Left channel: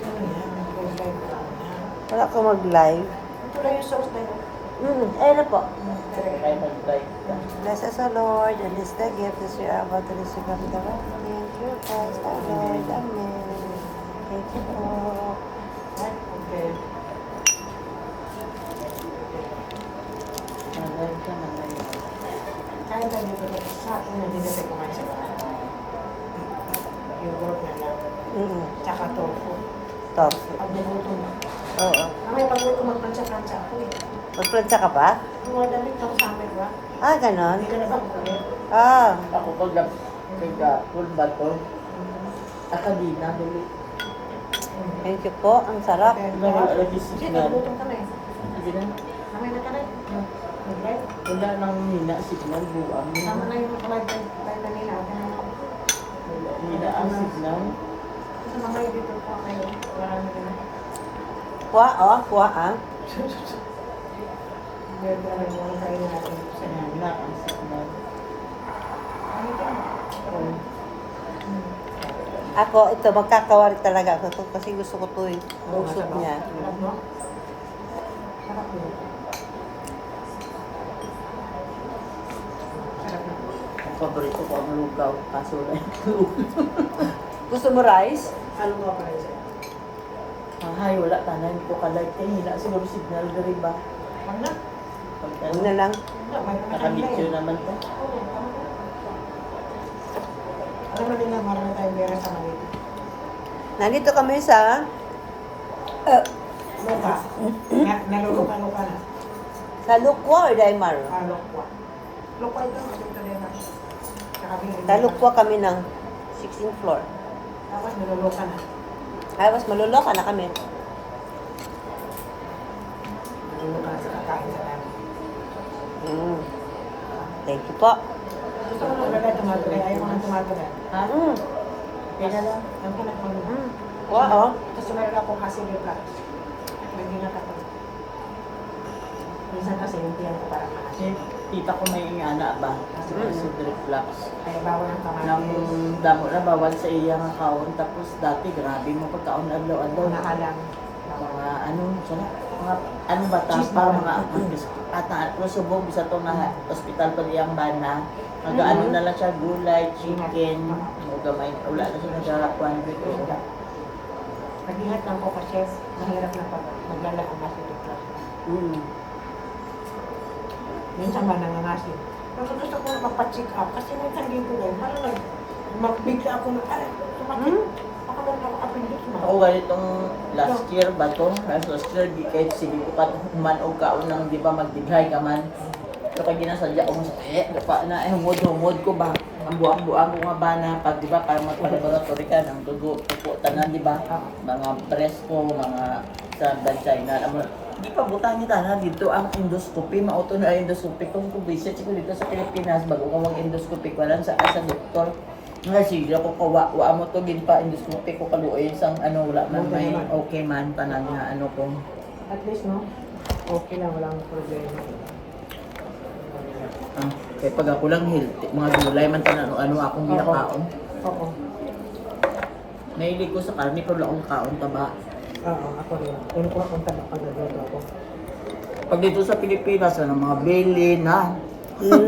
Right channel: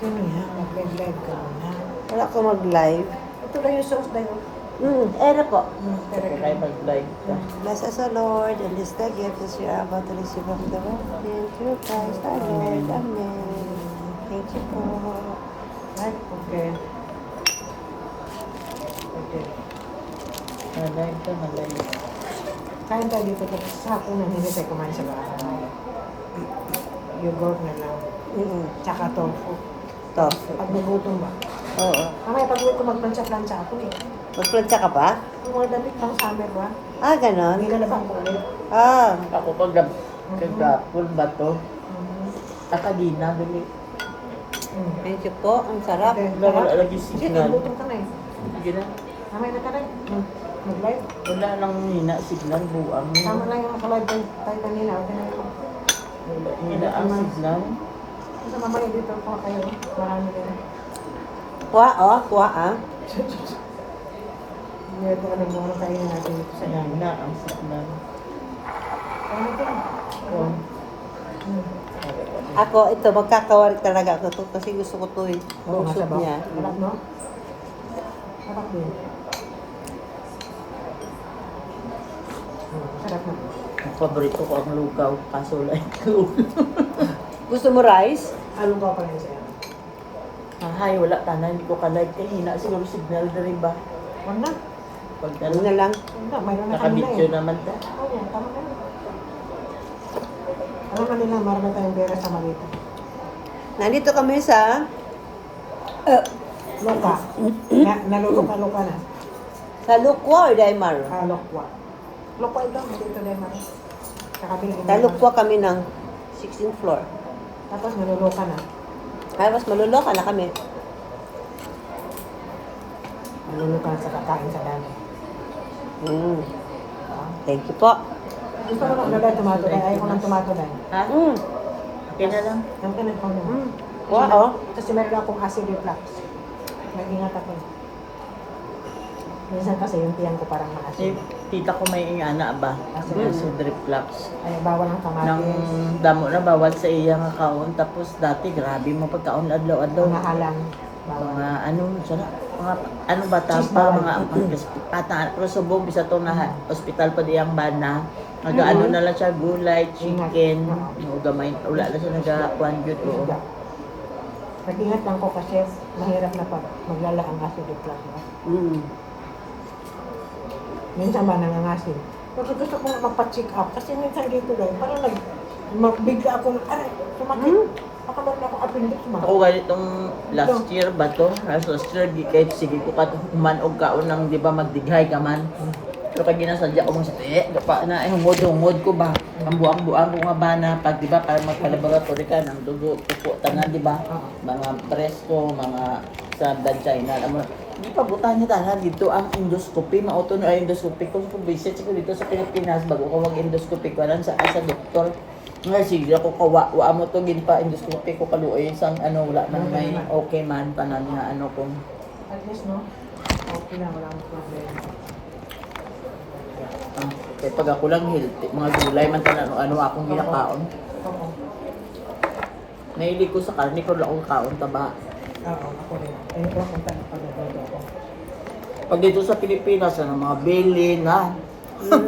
Yun nga, mag-live ka na. Wala ko mag-live. Ito lang yung sauce na yun. Ayun po. Correct. Ay, mag-like ka. Bless us, O Lord, and this the gift that you are about to receive from the Lord. Thank you, Christ, our Lord. Amen. Thank you po. Right? Okay. Okay. Mag-like ka, mag-like. Kain tayo dito tapos sa akin na hindi tayo kumain sa bahay. Yogurt na lang. Tsaka tofu. Tofu. Pag nagutom ba? Oo. Mamaya pag may kumagplansya-plansya ako eh. Magplantsa ka pa? Yung mga damit pang summer ba? Ah, ganon? Hindi na naman ulit. Ah. Ako pag nagka-full ba to? Akadina, bili. Thank you po. Ang sarap. Okay. Wala lagi Sige, signal. nagutom ka na eh. Sige na. Mamaya na ka na. Mag-live. Wala nang hina, signal, buang. Tama na yung nakalive din. Tayo kanina. Okay na yun. Wala nila ang signal. Kasi mamaya dito po kayo. Marami din. Kuha, oh. Kuha, ah. Ngayon ko naman muna kainin natin dito sa dami. Wala ang signal. Ano ka? Ako, ito, magkakawari talaga ako to kasi gusto ko to eh. Oo, Ang soup masarap. niya. Sarap, no? Sarap din. Sarap na. Ang paborito ko ang lugaw, kaso wala yung Gusto mo rice? Along ka pa rin sa'yo. Ang hay, wala ka na, hindi ko ka-like. Kaya hina siguro signal na rin ba? Wag na. Pag Huwag na lang. Wag na. Mayroon na kanina nakabityo eh. naman ka. Oo, tama na. Alam na nila, marami tayong pera sa Malita. Nandito kami sa Loka. Naluluka-luka na. sa Lukwa or Daimar. Lokwa. Lokwa ito, dito na naman. Sa Lukwa kami ng 16th floor. Tapos naluluka na. Tapos maluloka na kami. Naluluka na sa kakain sa dami. Thank you po. Gusto ko nang lagay tomato dahil ayaw ko ng tomato dahil. Ha? Okay na lang. Ang kinagpang naman. Kuha, oh. Kasi meron akong acid reflux. Nag-ingat ako. Minsan kasi yung tiyan ko parang Si na-acid. tita ko may ingana ba? Kasi acid reflux. Ay, bawal ang Nang kamatis. damo na bawal sa iyang account. Tapos dati grabe mo pagkaon adlaw-adlaw. Nahalang. Bawal. Mga ano sana mga ano ba Cheese tapa bawal. mga ata pero subog bisa to na hospital pa diyang bana. Ano na lang siya gulay, chicken, gamay. Wala na siya nagakuan gyud. Isda. Nag-ingat lang ko kasi mahirap na pag maglala ang acid reflux. Minsan ba nangangasin? Pero gusto ko na magpa-check up kasi minsan dito guys, parang magbigla ako na, aray, sumakit. Baka meron ako appendix ba? Oo, itong last year ba to? Last year, di kahit sige ko ka man o kaunang di ba magdighay ka man. So pag ginasadya ko sa pa na ay humod ko ba? Ang buang-buang ko nga ba na pag di ba para magpa-laboratory ka ng dugo, pupo, tanan di ba? Mga breast ko, mga sa vagina, di pa butang ni tanan dito ang endoscopy, mauto na endoscopy kung visit ko dito sa Pilipinas bago ka mag-endoscopy ko lang sa doktor. Nga sige ako wa mo to gin pa endoscopy ko kaluoy sang ano wala man may okay man tanan nga ano kung At least, no? Okay lang, wala akong problema. kaya pag ako lang healthy, mga gulay man tanan ano akong ginakaon. Oo. Naili ko sa karne ko lang akong kaon taba. Oo, ako rin. Ayun ko lang kung pag-nagbago ako. Pag dito sa Pilipinas ano mga beli na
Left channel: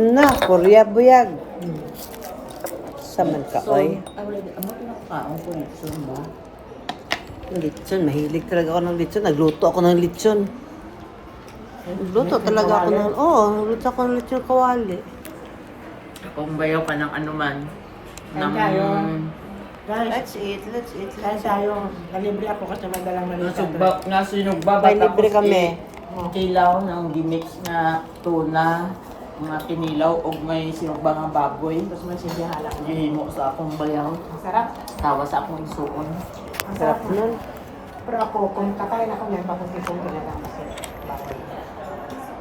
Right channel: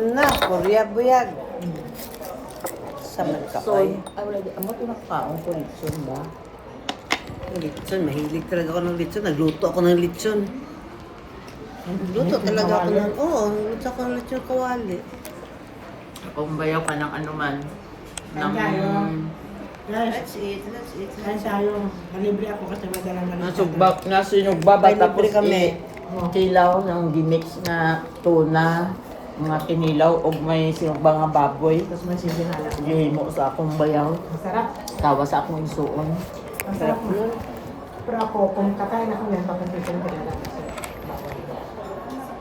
Na, Korea buyag. Sa so magkakoy. ay wala amo ko nakakaon ko nito ba. Litson, mahilig talaga ako ng litson. Nagluto ako ng litson. Nagluto talaga ako ng, luto ako ng litson kawali. Kung bayaw ka ng ano man ng Guys, Let's eat, let's eat. kaya tayo, nalibre ako kasi may dalang malita. nasinugba ba May libre tapos kami. kilaw ng gimix na tuna, mga kinilaw o may sinugba nga baboy. Tapos may sibihala. Gihimo sa akong bayaw, Ang sarap. tawa sa akong suon. Ang sarap nun. Pero ako, kung kakain ako yan, pakunti-kunti na lang kasi bawal.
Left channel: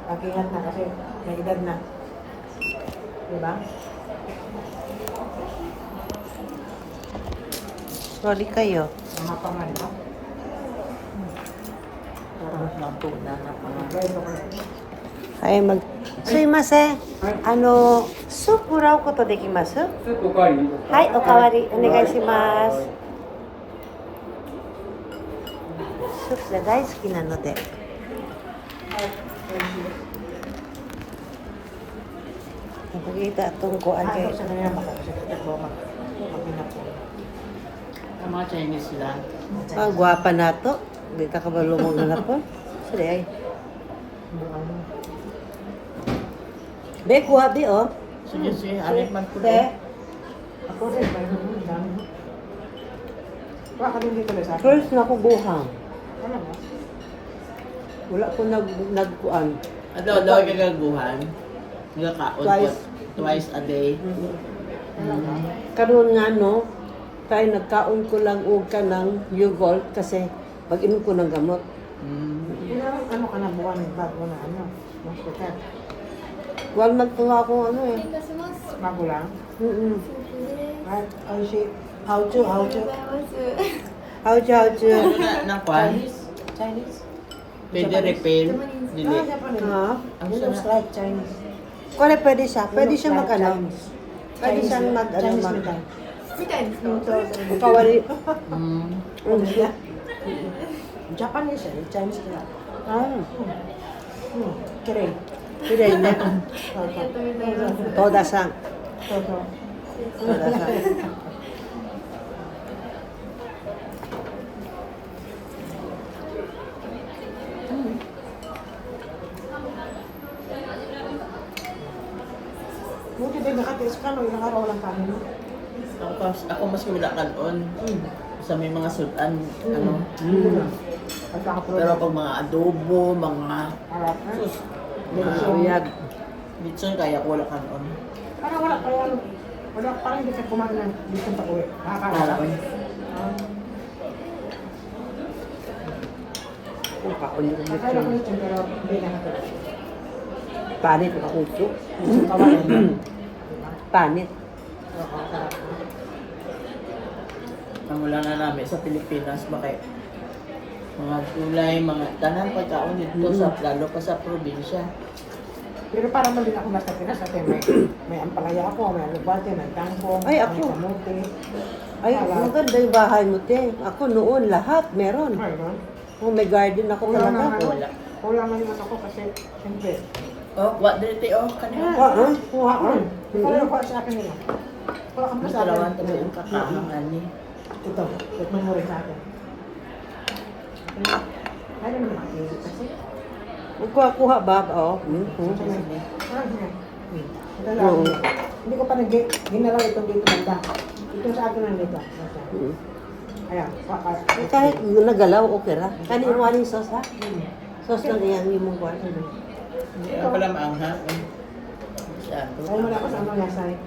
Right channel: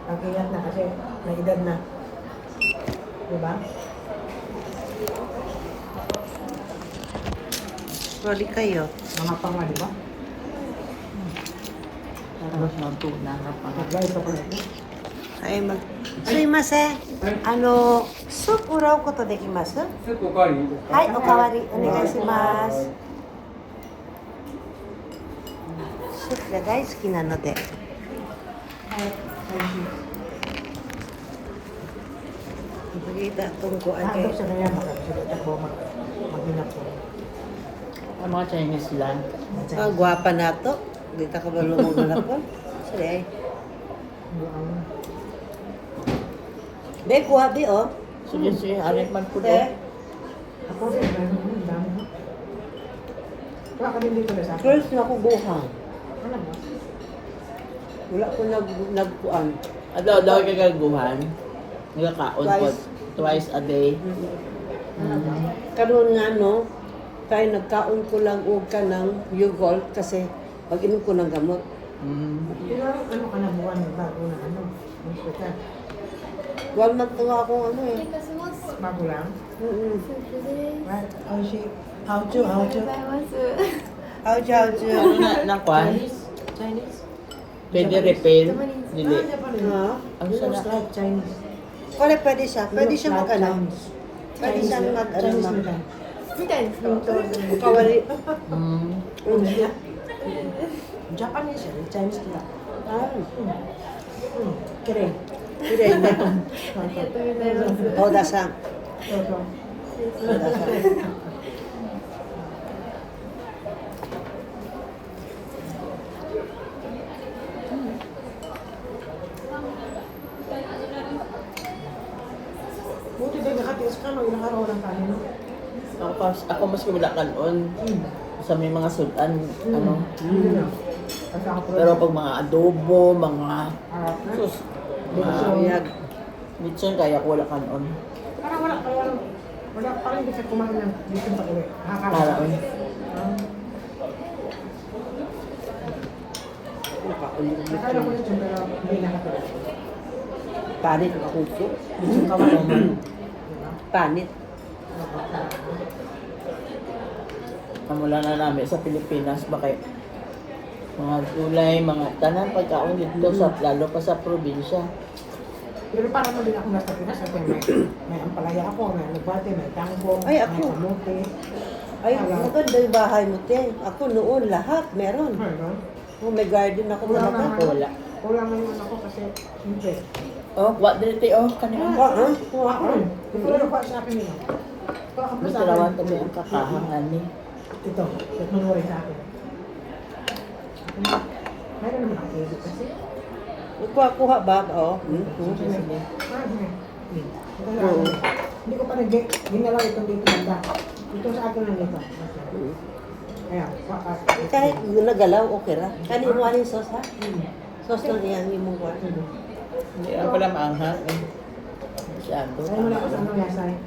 Mag-ingat na kasi may edad na. Diba? Sorry kayo. Mga panga, diba? Tapos ng tuna. Mag-rice ako na. Ay, Suimase. Soup urao koto dekimasu? スープおかわりはい、おかわりお願いします。So, sila guys, kinano de. Nakikita itong kuan Ako kay sa kanila baka kasi dito ko mag-inap po. Ang mga Chinese sila. ang gwapa nato. Di ta kabalo mo na ko. Sorry ay. Be kuha di oh. Sige, sige. Alit man po Te. to. Ako rin, dami mo. Tuwa ka din dito sa akin. First na ko buhang. Alam mo? Wala ko nagkuan. Daw yung nagaguhan. Nagkakaon po. Twice a day. Karon nga no, kaya nagkaon ko lang og ka ng yogurt kasi pag-inom ko ng gamot. Kailangan ano ka na buwan bago na ano. Hospital. Wala magtuwa akong ano eh. Bago lang. Mm-mm. Right? How she? How to? How to? Ano na, ng kwan? Chinese? Pwede refill. Dili. Ah, Japanese. Ha? Ang It looks sarap. like Chinese. Wala pwede siya. Pwede siya mag ano. Chinese. Pwede siya mag ano. Chinese mag- metal. Kawali. India. Japanese eh. Chinese nila. Keren. Pwede na. Toda sa. Toto. Toda sa. Buti din nakatiis ka no, ilang araw lang kami. Ako mas wala kanon. Sa may mga sudan, ano. At nakapro. Pero pag mga adobo, mga Harap na. sus, Biyag. mitson kaya ko wala kanon. Parang wala parang hindi ka kumain ng dito sa uwi. Kalaon. Nakakulit Akala ko yun, pero hindi nakatala. Panit ang kuso. Panit. Namula na namin sa Pilipinas, bakit mga gulay, mga tanan pagkaon dito sa lalo pa sa probinsya. Pero parang mali ako nasa Pinas at may ampalaya ako, may alubate, may kangkong, Ay, ako. may kamote. Ay, maganda yung bahay mo, te. Ako noon, lahat meron. Meron. Oh, may garden ako talaga. Ako wala. Kulang man naman ako kasi, siyempre. Oh, what dito oh, kanina. Kuha ko rin. Kuha ko sa akin nila. Kuha ka mo Mas sa rawan akin. kami ang kakahangan ni. Ito, ito mo rin sa akin. Meron naman ako kasi. Kuha ba? Oh. Hindi ko pa ginalaw itong dito dito. Ito sa akin lang dito. Ayan, wakas. Kahit nagalaw, okay ra. Kaniwan yung sauce, ha? Sauce lang yan, yung mong kuha. Hindi ako pala maanghang. Saan to? Sa'yo mo lang kasama niya sa'yo.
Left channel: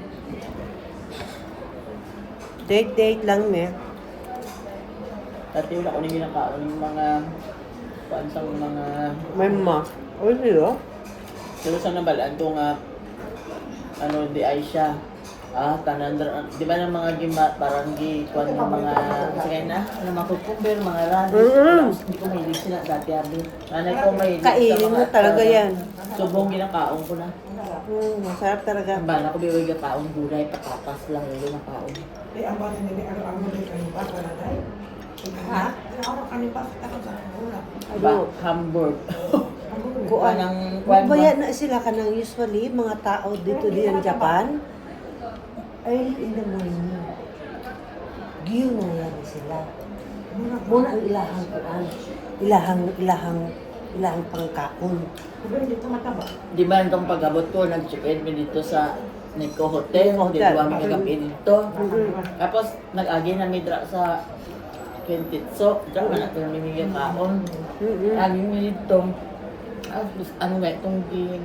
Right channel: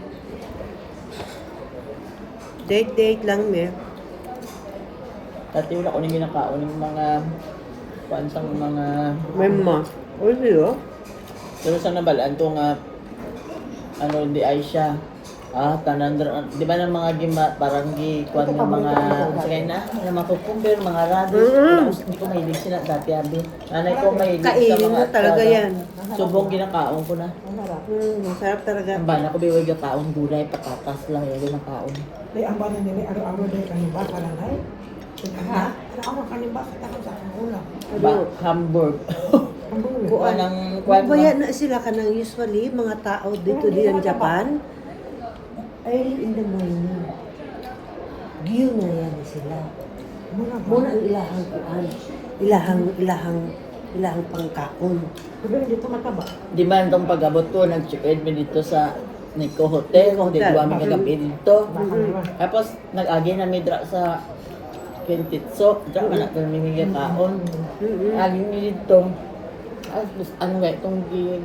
Date lang, me. Dati wala ko na ginakaon yung mga pansang mga... May ma. Oh, siyo? Pero sa nabalaan to nga, ano, hindi ay siya. Tanan, di ba ng mga parang kuwan ng mga sirena, mga makukumber, mga rado. Hindi ko mahilig sila dati, abi. Nanay ko mahilig sa Kainin mo mga talaga rado. yan. Subong ginakaon ko na. Ang sarap. Masarap talaga. Ang bala ko biwag kaon gulay, patatas lang yung ginakaon. Eh, ang bana nila, araw-araw dahil kanina, parang ay. Ha? Araw-araw kanina, takang sa aking ulam. Hamburg. Ang bulo. Kuan ang kuan Mabaya na sila ka ng usually, mga tao dito diyan Japan. Early in the morning. Giyo na yan sila. Muna ang ilahang kuan. Ilahang pangkakon. Pero hindi ito mataba. Di ba itong pag-abot ko, nag-check-in mi dito sa Nico Hotel. Nico Di Hotel. ba may gabi dito. Baka naman. Tapos nag-agi na mi dra sa Kentitsok. Diyan ka na pamimigay taon. Agi mi dito. Ano nga itong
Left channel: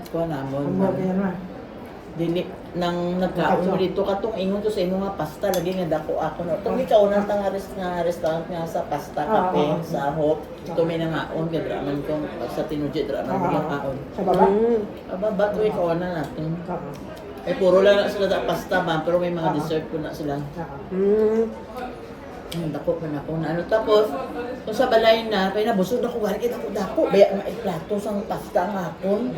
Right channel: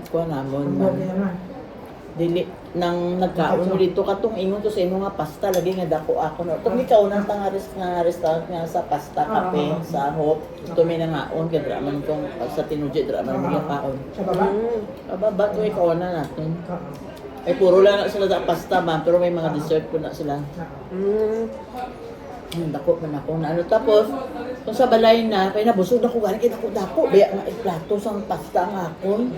kuha namon. Ang bulo naman. Dili nang nagkaon mo dito katong ingon to sa imo nga pasta lagi nga dako ako no. Kung ikaw nang tangaris nga restaurant nga sa pasta kape sa hop, ito may nangaon kay dra man kong sa tinudyo dra man mga kaon. Sa baba? Aba to ikaw na natin. Ay puro lang na sila sa pasta man pero may mga dessert ko na sila. Dako man ako na ano tapos kung sa balay na kay nabusog ako gali kay dako baya nga plato sang pasta nga akon.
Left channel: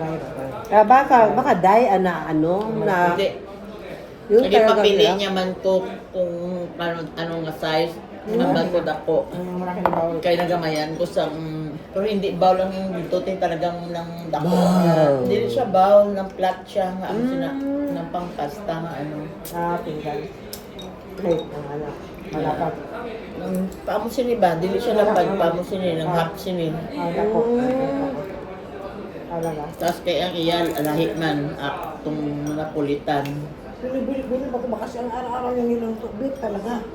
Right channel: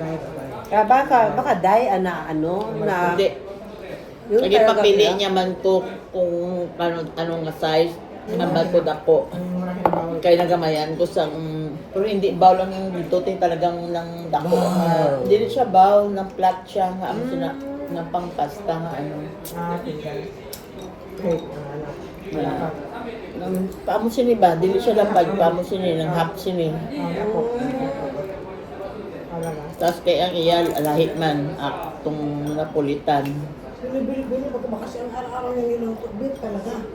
Baka dai ana ano na Hindi. yung Lagi talaga papili nila. niya man ko kung anong nga size. Mabagod ako. Ang malaki na bawal. Kaya nagamayan ko sa pero hindi bowl lang yung dito tin talagang lang dako. Hindi siya bowl ng flat siya nga ang sina ng pangpasta nga ano. Tinggal. Wait, ang anak. Wala ka. Paamo sini ba? Dili siya lang pagpaamo sini ng half sini. Ang ako. Ano na? Tapos kaya ang iyal lahi man tong Napolitan. Bili-bili pa kasi ang araw-araw yung ilang beef talaga.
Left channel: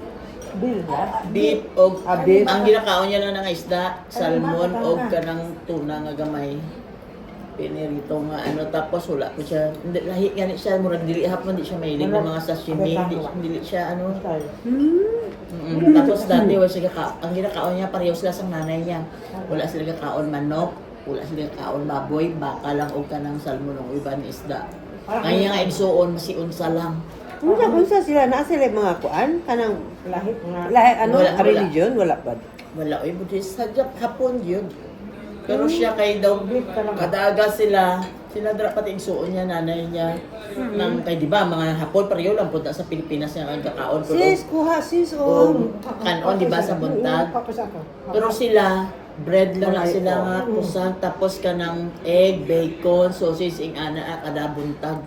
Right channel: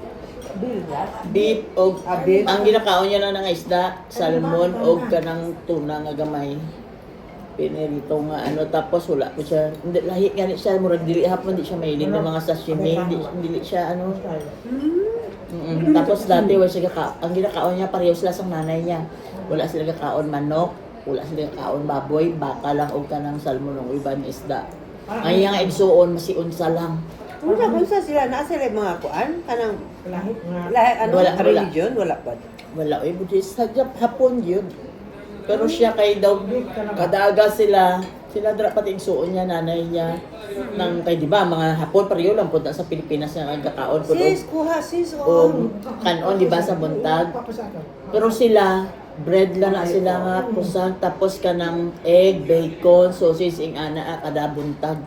Bili ba? Beef o beef. ang ginakaon niya lang ng isda, salmon o kanang tuna nga gamay. Pinirito nga ano tapos wala ko siya. Hindi lahi gani siya murag dili hapon di siya mahilig ng mga sashimi, dili siya ano. Tapos dati wala siya ang ginakaon niya pareho sila sa nanay niya. Wala sila kakaon manok, wala sila kakaon baboy, baka lang o kanang salmon o iban isda. Ay nga igsuon masiunsa lang. Unsa sila na sila mga kuan kanang Lahit nga. lahi ano Wala, wala. religion wala pa. Wala oy Buddhist sa hapon yun. Pero siya kay daw kadaga sila dra pati igsuon niya nanay niya nang kay di ba mga hapon pareho lang punta sa Pilipinas nga nagkakaon ko Sis, kuha sis kanon di ba sa buntag. Tapos ako. Pero sila bread lang na sila nga kusan tapos kanang egg, bacon, sausage ing ana kada buntag.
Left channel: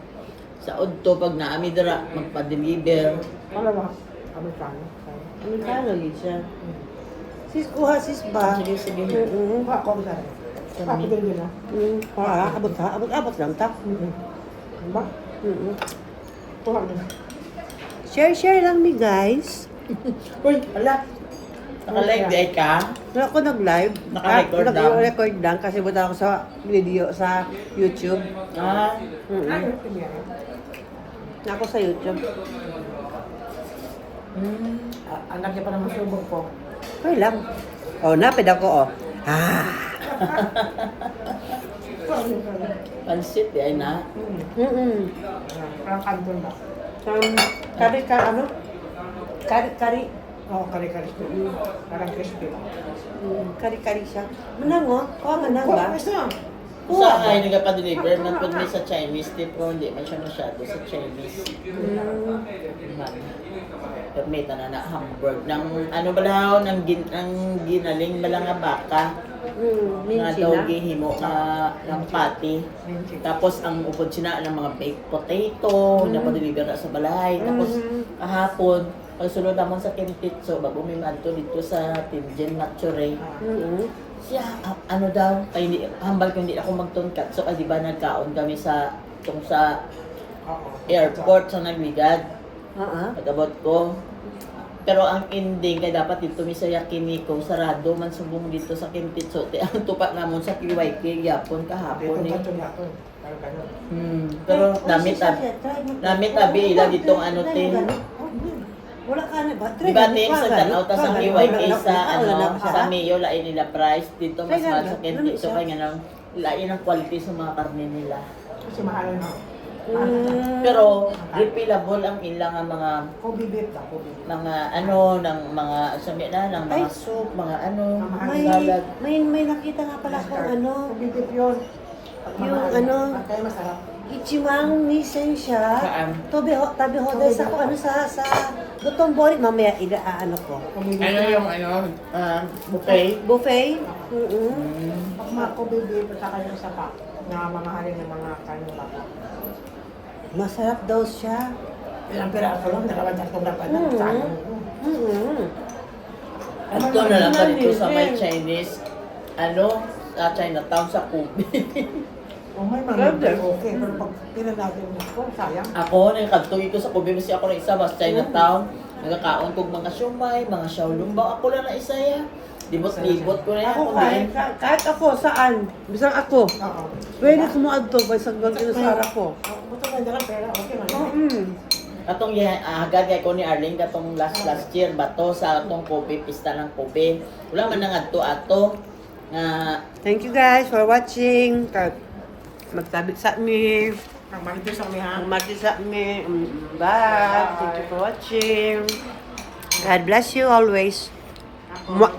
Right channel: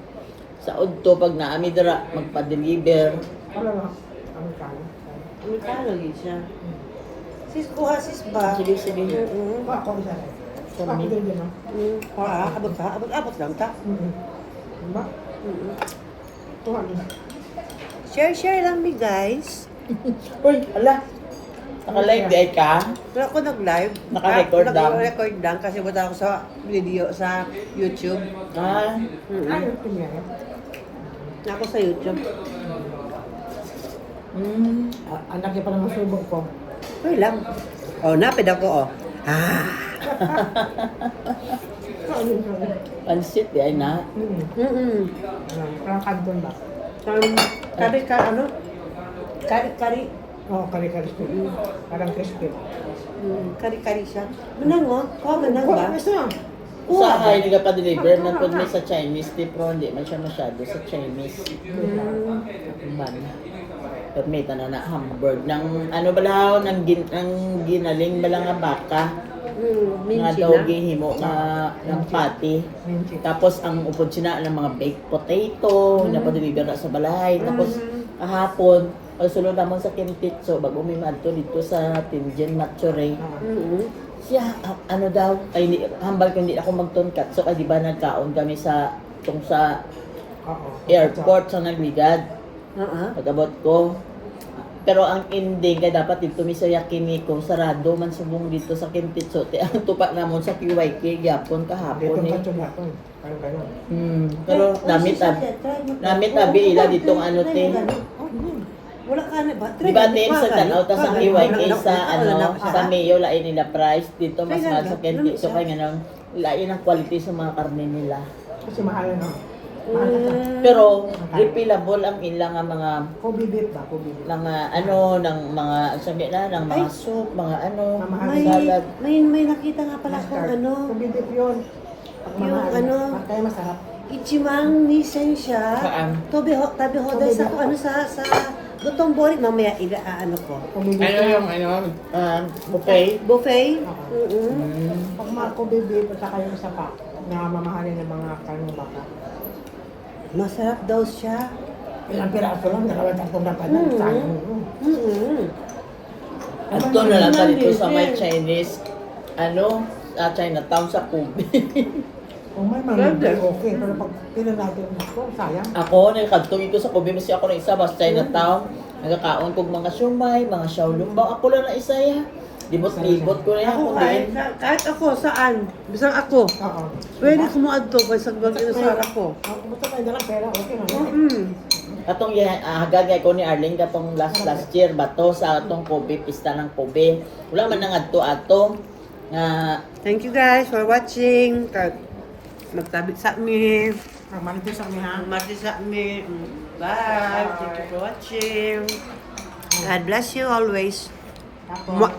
Sa udto pag naami dira magpa-deliver. Ano ba? Ano kami? Ano siya? Sis, kuha sis ba? Sige sige. Ako sa. Kami. Ako din din. Kuha, abot lang ta. Ba? Kuha din. Share lang ni guys. Uy, ala. Naka-live di ay ka? Wala ko nag-live. Naka-record lang. Naka-record lang kasi buta ako sa video sa YouTube. Ah, Ano ito niya? Ako sa YouTube. Anak niya pa naman subok ko. Okay lang. Oh, napid ako oh. pansit di ay na. Parang kanton ba? Kari ka ano? Kari. Oo, kari-kari. Parang crispy ba? Kari siya. Manang oh. Kuha manang ba? Kuha isa. Sa ay nagpa-deliver man pud may sa Chinese tipo hindi man siya masyado sa Chinese. Man. At may tanan na hamburg ng ano ba lahaw ng ginaling ba lang nga baka nga Minsi daw na. gihimo nga ng patty. Minchi. Tapos ang upod sina ng mga baked potato na pa-deliver na sa balay. Tapos kahapon pagsulod namon sa Kimpitso bago may madto dito sa Tinjen Matsure. Siya ano daw ay hambal ko hindi ako magtungkat. So kasi ba nagkaon kami sa tong sa Oo. airport sa Nagligad. Pagabot ko. Pero ang ending kay dapat dito mi sa Yakimiko sarado man subong dito sa Kimpitso. Ang tupa namon sa QYK gyapon Dito kahapon ka eh. ito yapon. Parang ganun. Pero namit abi ila ditong ano te. Wala ka na ba? Di ba din sa tanaw ta sa QYK sa ano sa sa Mayo lain nila price dito mas Try mahal lang, sa Kimpitso kay nga nang lain ang quality sa mga karne nila. Kasi mahal na. Mahal na. Pero refillable ang ilang nga mga Kobe beef ba? Kobe beef. mga ano ng mga sabi na ng mga soup, mga ano, Mamahal May, salad. may nakita nga pala kung ano. Kobe beef yun. Pag mamahal. ano, Kaya masarap. Ichimang Nissan siya. Saan? Tabi ho dahil sa kung ano sa Gutong Boy, mamaya ano ko. Kobe beef. Ano yung ano, buffet? Buffet? Pag mga kobe beef, at saka yung isa pa, na mamahalin ng mga kanong baka. Masarap daw siya. Ilang piraso lang, nakawag dapat na. Sayang. Ito na lang pa dito sa may Chinese, ano, Chinatown sa Kubi. Kung may mga okay, pero pag pila natin ito, sayang. Ako, nagkagtuloy ko sa Kubi, kasi ako na isa, mas Chinatown. Nagkakaon kong mga siumay, mga xiaolongbang. Ako lang na isa ya. Libot-libot ko na yan. Ako kahit ako, saan? Bisang ako. Oo. Pwede kumuad to, kay sagbang inasara ko. Ako gusto ko dalang pera, okay man. Katong hagagay ko ni Arlene katong last year bato sa atong Kobe, pista ng Kobe. Wala man nang ato Thank you guys for watching. Magtabit sa mi. Magmanipis kami ha. Magmati sa mi. Bye. Thank you for watching. God bless you always. Ako.